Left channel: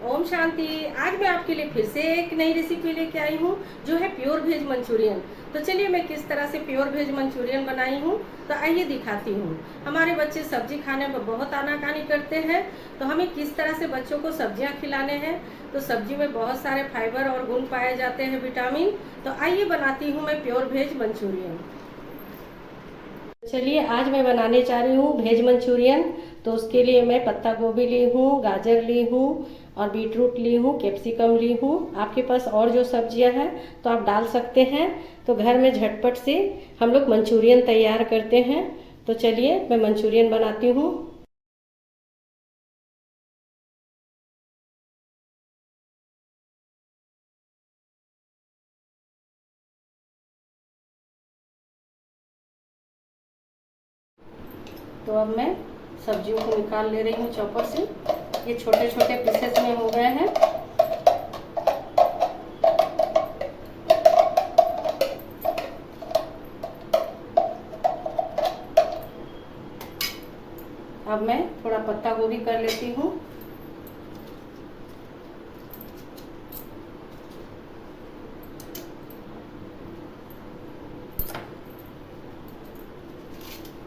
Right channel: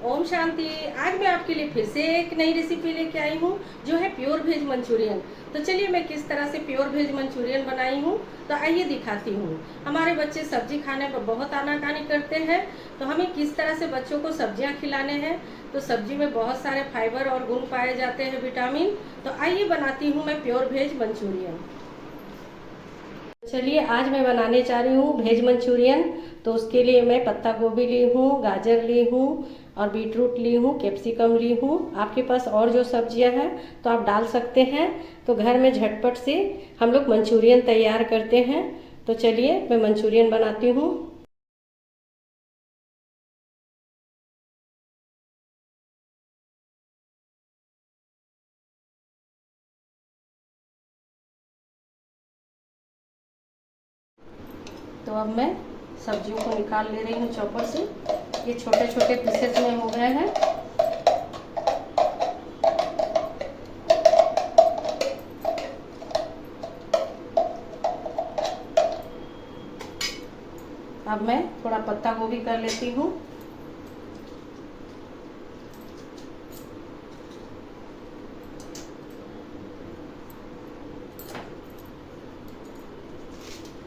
ओम शांति। आज मैं आपके लिए फिर से एक नई रेसिपी लेके आई हूँ जो है प्योर वेज मंचूरियन। तो चलिए मैं किस तरह से प्योर वेज मंचूरियन बनाई हूँ तो आइए दिखाती हूँ। हमारे बच्चे सब्जी खाने में बहुत आनाकानी करते हैं, तो हमें किस तरह से बच्चों को सब्जियाँ खिलाने हैं। तो सब्जी में बहुत सारे फाइबर और गुण पाए जाते हैं, विटामिन। तो आइए बनाती हूँ मैं प्योर वेज मंचूरियन। चलिए आज मैं बनाने जा रही हूँ वेज मंचूरियन। तो उसके लिए मैं पत्ता गोभी ली हूँ, गाजर ली हूँ और बीट रूट ली हूँ, कैप्सिकम ली हूँ। आपके पास और जो सब्जियाँ हैं तो आप डाल सकते हैं। तो घर में झटपट से हम लोग मंचूरियन तैयार करते हैं। तो चलिए मैं मंचूरियन बनाती हूँ। तो अब मैं सब्जियों को निकाल ले रही हूँ चॉपर से। ये छोटे छोटे पीसेस में हो गए हैं। अब मैं थोड़ा पत्ता गोभी कर लेती हूँ।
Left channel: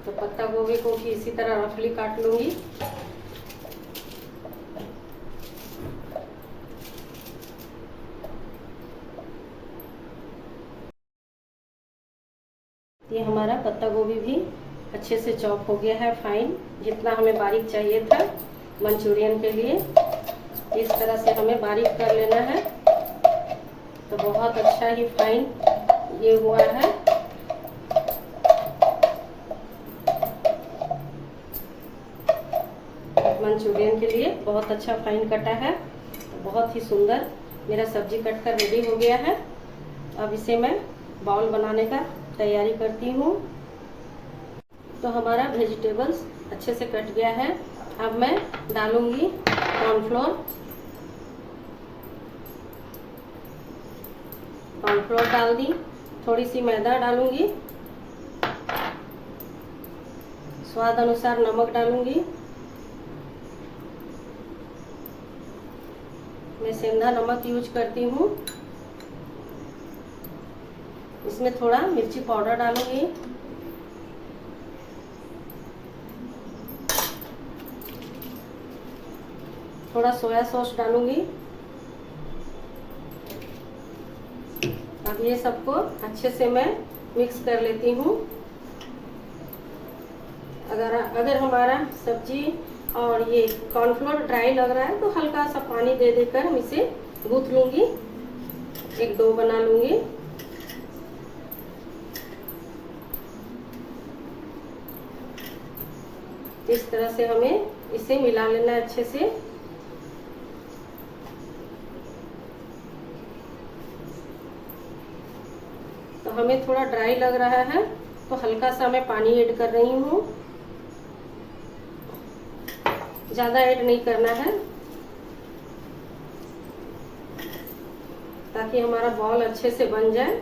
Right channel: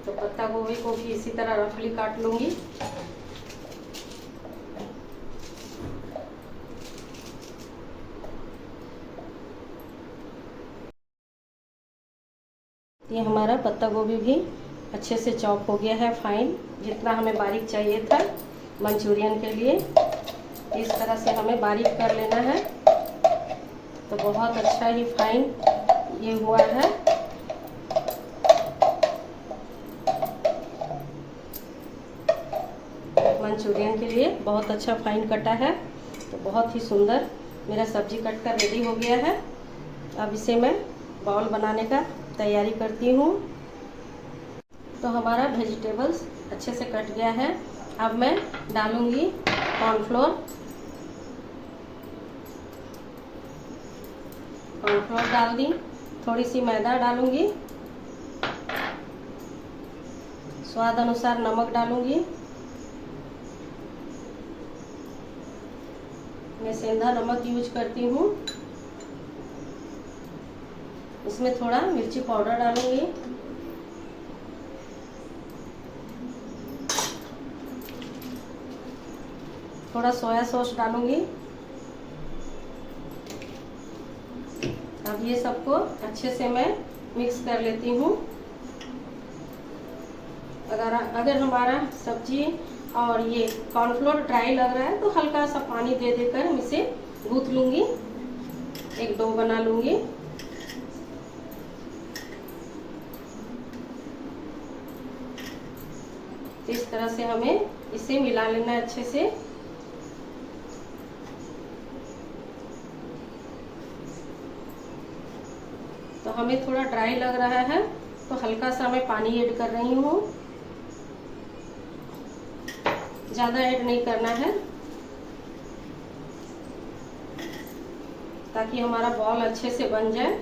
तो पत्ता गोभी को भी इसी तरह रफली काट लूंगी। ये हमारा पत्ता गोभी भी अच्छे से चॉप हो गया है, फाइन, जितना हमें बारीक चाहिए था मंचूरियन के लिए। इस तरह से हमें बारीक कर लेना है। तो बहुत अच्छा ही फाइन ये हुआ है। मंचूरियन के लिए बहुत अच्छा फाइन कटा है। तो बहुत ही सुंदर मेरा सब्जी कट कर रेडी हो गया है। अब इसे मैं बाउल बनाने का तैयारी करती हूँ। तो हमारा वेजिटेबल्स अच्छे से कट गया है। अब मैं डालूंगी कॉर्नफ्लोर। कॉर्नफ्लोर डाल दी। थोड़ी सी मैदा डालूंगी। स्वाद अनुसार नमक डालूंगी। मैं सेंधा नमक यूज करती हूँ। इसमें थोड़ा मिर्ची पाउडर डालूंगी। थोड़ा सोया सॉस डालूंगी। अब ये सबको अच्छे से मैं मिक्स कर लेती हूँ। अगर हमारा सब्जी और ये कॉर्नफ्लोर ड्राई लग रहा है तो हल्का सा पानी दे देकर हम इसे गूंथ लूंगी। एक डो बना लूंगी। इस तरह से हमें इसे मिला लेना अच्छे से। तो हमें थोड़ा ड्राई लग रहा है तो हल्का सा मैं पानी ऐड कर रही हूँ। ज़्यादा ऐड नहीं करना है ताकि हमारा बॉल अच्छे से बन जाए।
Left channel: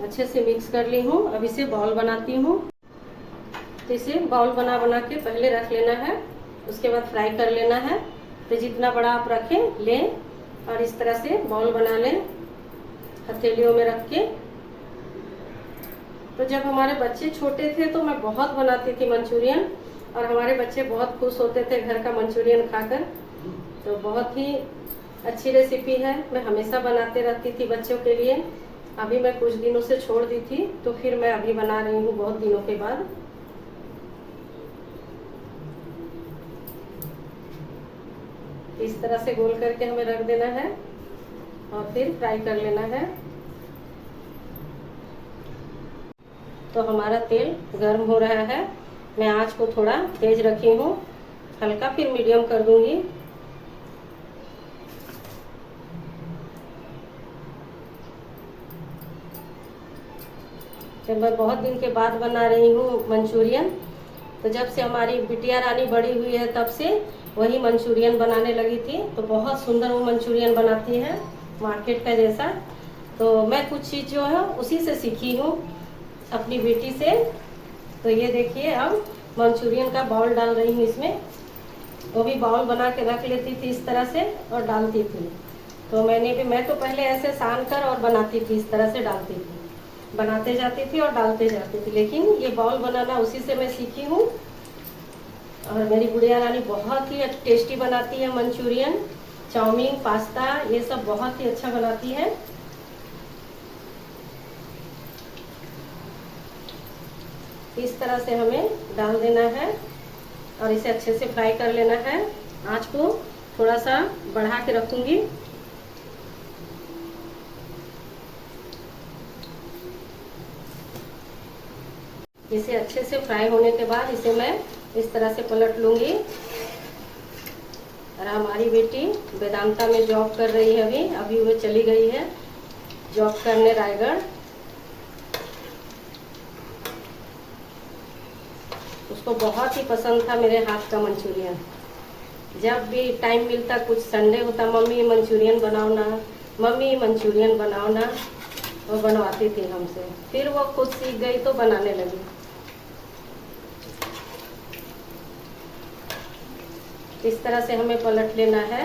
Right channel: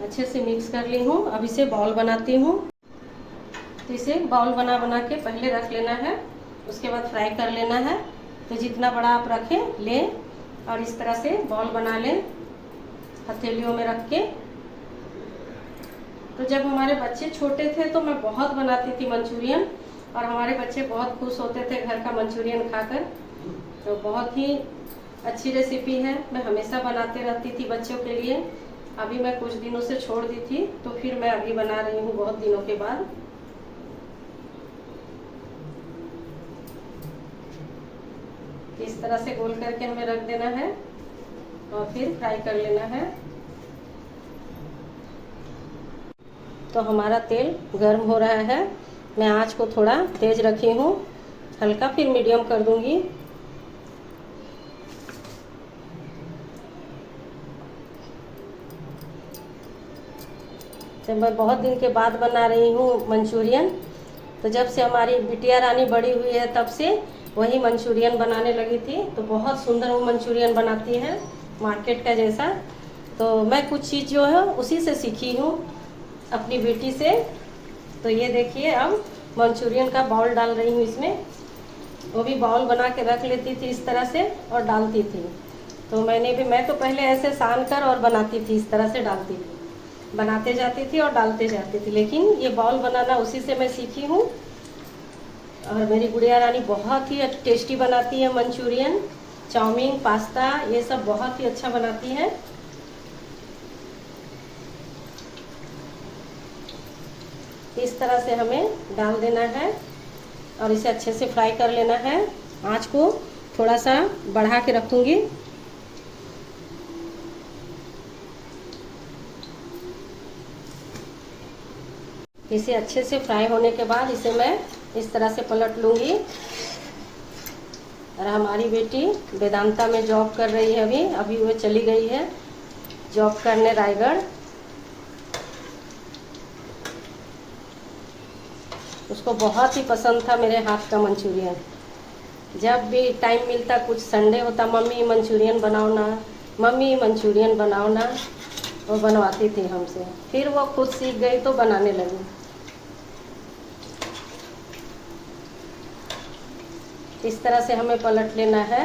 अच्छे से मिक्स कर ली हूँ। अब इसे बाउल बनाती हूँ। तो इसे बाउल बना बना के पहले रख लेना है, उसके बाद फ्राई कर लेना है। तो जितना बड़ा आप रखें लें और इस तरह से बाउल बना लें हथेलियों में रख के। तो जब हमारे बच्चे छोटे थे तो मैं बहुत बनाती थी मंचूरियन, और हमारे बच्चे बहुत खुश होते थे घर का मंचूरियन खाकर। तो बहुत ही अच्छी रेसिपी है, मैं हमेशा बनाते रहती थी बच्चों के लिए। अभी मैं कुछ दिनों से छोड़ दी थी तो फिर मैं अभी बना रही हूँ बहुत दिनों के बाद। इस तरह से गोल करके हमें रख देना है और फिर फ्राई कर लेना है। तो हमारा तेल गर्म हो रहा है। मैं आंच को थोड़ा तेज रखी हूँ, हल्का फिर मीडियम कर दूंगी। तो मैं बहुत दिन के बाद बना रही हूँ मंचूरियन। तो जब से हमारी बिटिया रानी बड़ी हुई है तब से वही मंचूरियन बनाने लगी थी। तो बहुत सुंदर वो मंचूरियन बनाती है, मार्केट का जैसा। तो मैं कुछ चीज़ जो है उसी से सीखी हूँ अपनी बेटी से। तो ये देखिए, अब मंचूरियन का बाउल डाल रही हूँ इसमें। वो भी बाउल बना के रख लेती थी इस तरह से और डालती थी। तो मैं तो पहले ऐसे सान कर और बनाती थी, इस तरह से डालती थी, बनाते जाती थी और डालते जाती थी। लेकिन ये बाउल बनाना उसी से मैं सीखी हूँ। और मेरी गुड़िया रानी बहुत ही टेस्टी बनाती है मंचूरियन, चाउमीन, पास्ता, ये सब बहुत ही अच्छा बनाती है। इस तरह से हमें डाल देना है और इसे अच्छे से फ्राई कर लेना है। आँच को थोड़ा सा बढ़ा के रखूंगी। इसे अच्छे से फ्राई होने के बाद इसे मैं इस तरह से पलट लूंगी। और हमारी बेटी वेदांता में जॉब कर रही है, अभी वो चली गई है जॉब करने रायगढ़। उसको बहुत ही पसंद था मेरे हाथ का मंचूरियन। जब भी टाइम मिलता, कुछ संडे होता, मम्मी मंचूरियन बनाओ ना, मम्मी मंचूरियन बनाओ ना, वो बनवाती थी हमसे। फिर वो खुद सीख गई तो बनाने लगी। इस तरह से हमें पलट लेना है।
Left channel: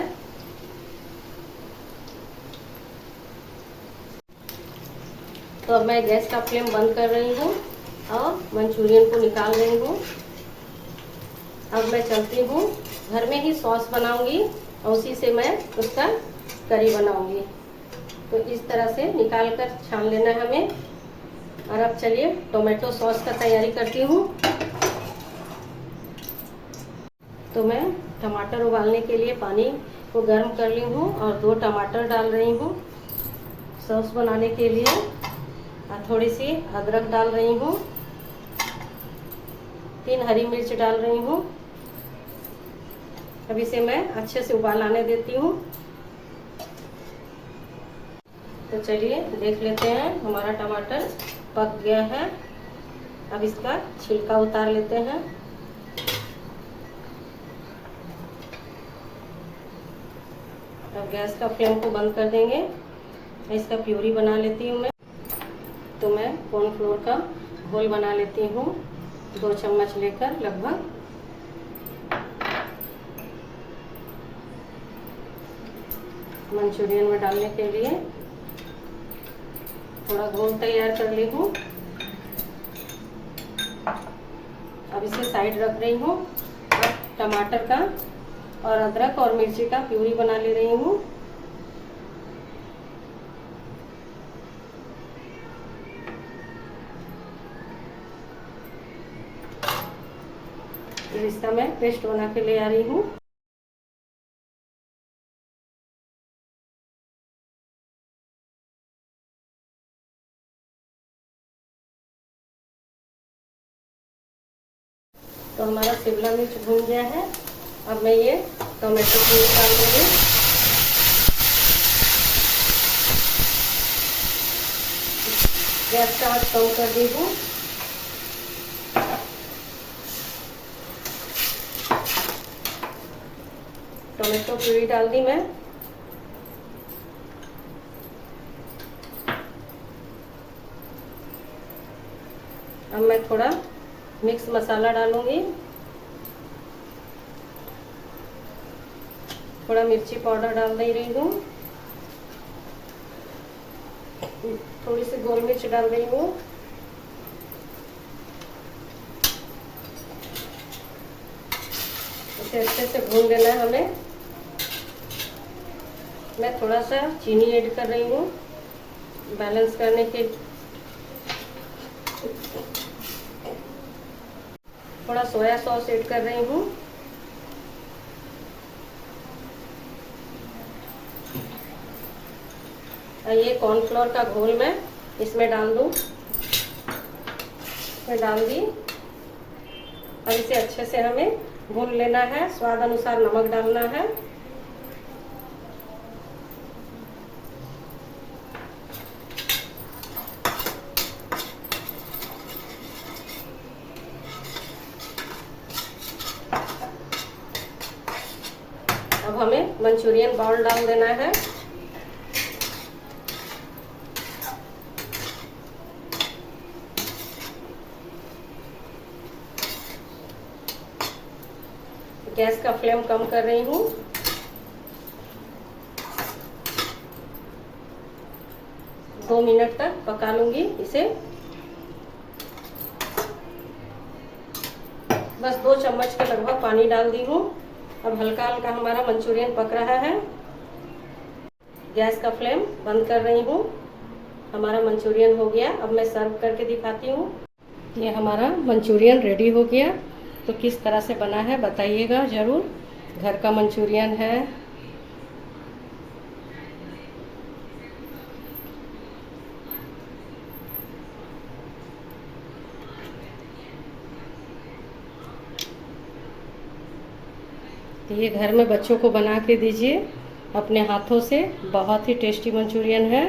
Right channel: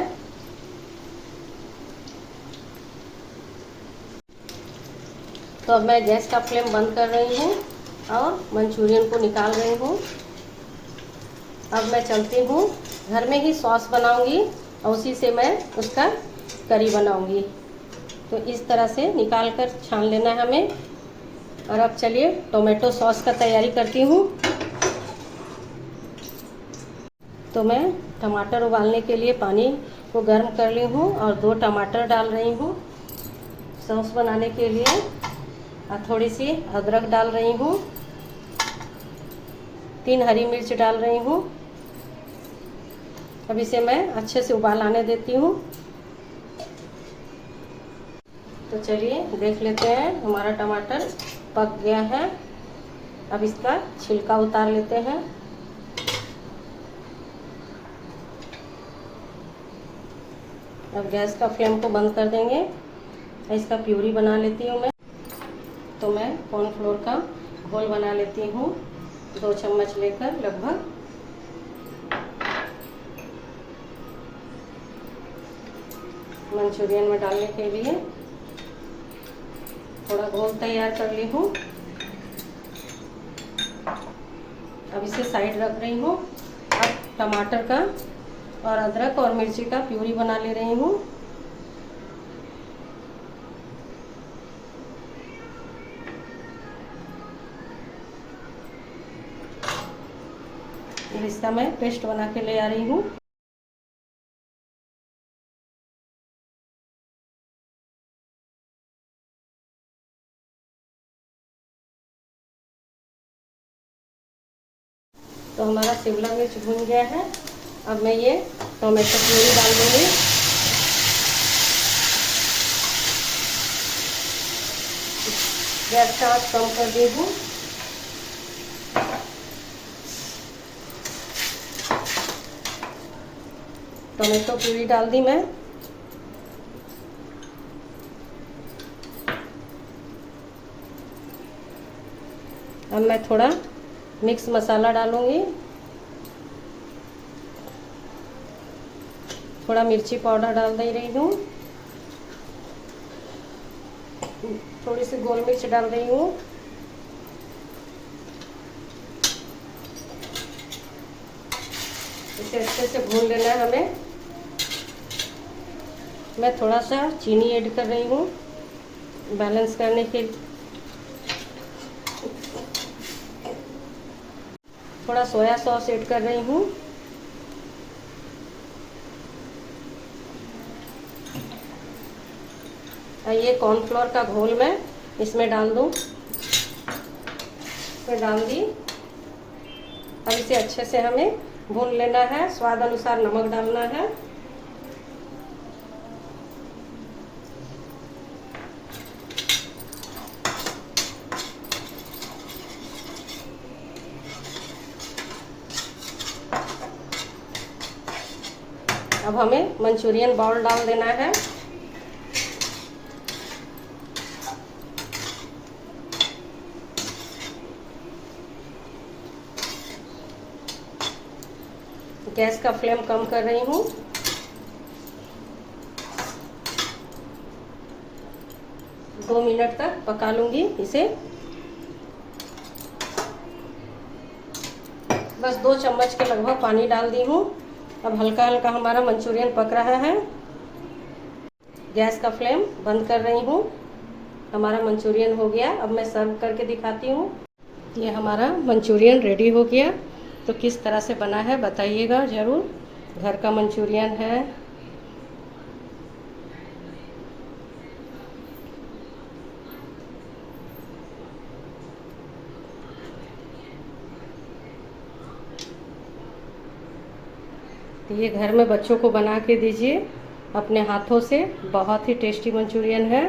तो अब मैं गैस का फ्लेम बंद कर रही हूँ और मंचूरियन को निकाल रही हूँ। अब मैं चलती हूँ, घर में ही सॉस बनाऊंगी और उसी से मैं उसका करी बनाऊंगी। तो इस तरह से निकाल कर छान लेना है हमें। और अब चलिए टोमेटो सॉस का तैयारी करती हूँ। तो मैं टमाटर उबालने के लिए पानी को गर्म कर ली हूँ और 2 टमाटर डाल रही हूँ सॉस बनाने के लिए। और थोड़ी सी अदरक डाल रही हूँ, 3 हरी मिर्च डाल रही हूँ। अब इसे मैं अच्छे से उबाल आने देती हूँ। तो चलिए देख लेते हैं, हमारा टमाटर पक गया है। अब इसका छिलका उतार लेते हैं। अब गैस का फ्लेम को बंद कर देंगे। इसका प्यूरी बना लेती हूँ मैं। तो मैं कॉर्नफ्लोर का घोल बना लेती हूँ, 2 चम्मच लेकर लगभग। मंचूरियन में डालने के लिए थोड़ा घोल तैयार कर ली हूँ। अब इसे साइड रख रही हूँ। अब टमाटर का और अदरक और मिर्ची का प्यूरी बना ले रही हूँ। इसका मैं पेस्ट बना के ले आ रही हूँ। तो हमारा शिमला मिर्च भून गया है। अब मैं ये टोमेटो प्यूरी डाल दूँगी। गैस का आंच कम कर दी हूँ। टोमेटो प्यूरी डाल दी मैं। अब मैं थोड़ा मिक्स मसाला डालूंगी, थोड़ा मिर्ची पाउडर डाल दे रही हूँ, थोड़ी सी गोल मिर्च डाल रही हूँ। इसे अच्छे से भून लेना है हमें। मैं थोड़ा सा चीनी ऐड कर रही हूँ बैलेंस करने के। थोड़ा सोया सॉस ऐड कर रही हूँ। ये कॉर्नफ्लोर का घोल मैं इसमें डाल दूँ। इसमें डाल दी। अब इसे अच्छे से हमें भून लेना है। स्वाद अनुसार नमक डालना है। अब हमें मंचूरियन बॉल डाल देना है। गैस का फ्लेम कम कर रही हूँ। दो मिनट तक पका लूंगी इसे। बस 2 चम्मच के लगभग पानी डाल दी हूँ। अब हल्का हल्का हमारा मंचूरियन पक रहा है। गैस का फ्लेम बंद कर रही हूँ। हमारा मंचूरियन हो गया। अब मैं सर्व करके दिखाती हूँ। ये हमारा मंचूरियन रेडी हो गया। तो किस तरह से बना है बताइएगा ज़रूर। घर का मंचूरियन है। तो ये घर में बच्चों को बना के दीजिए अपने हाथों से। बहुत ही टेस्टी मंचूरियन है।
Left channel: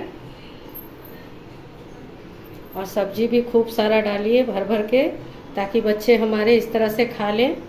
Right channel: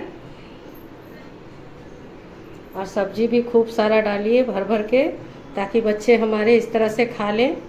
और सब्जी भी खूब सारा डालिए भर भर के, ताकि बच्चे हमारे इस तरह से खा लें।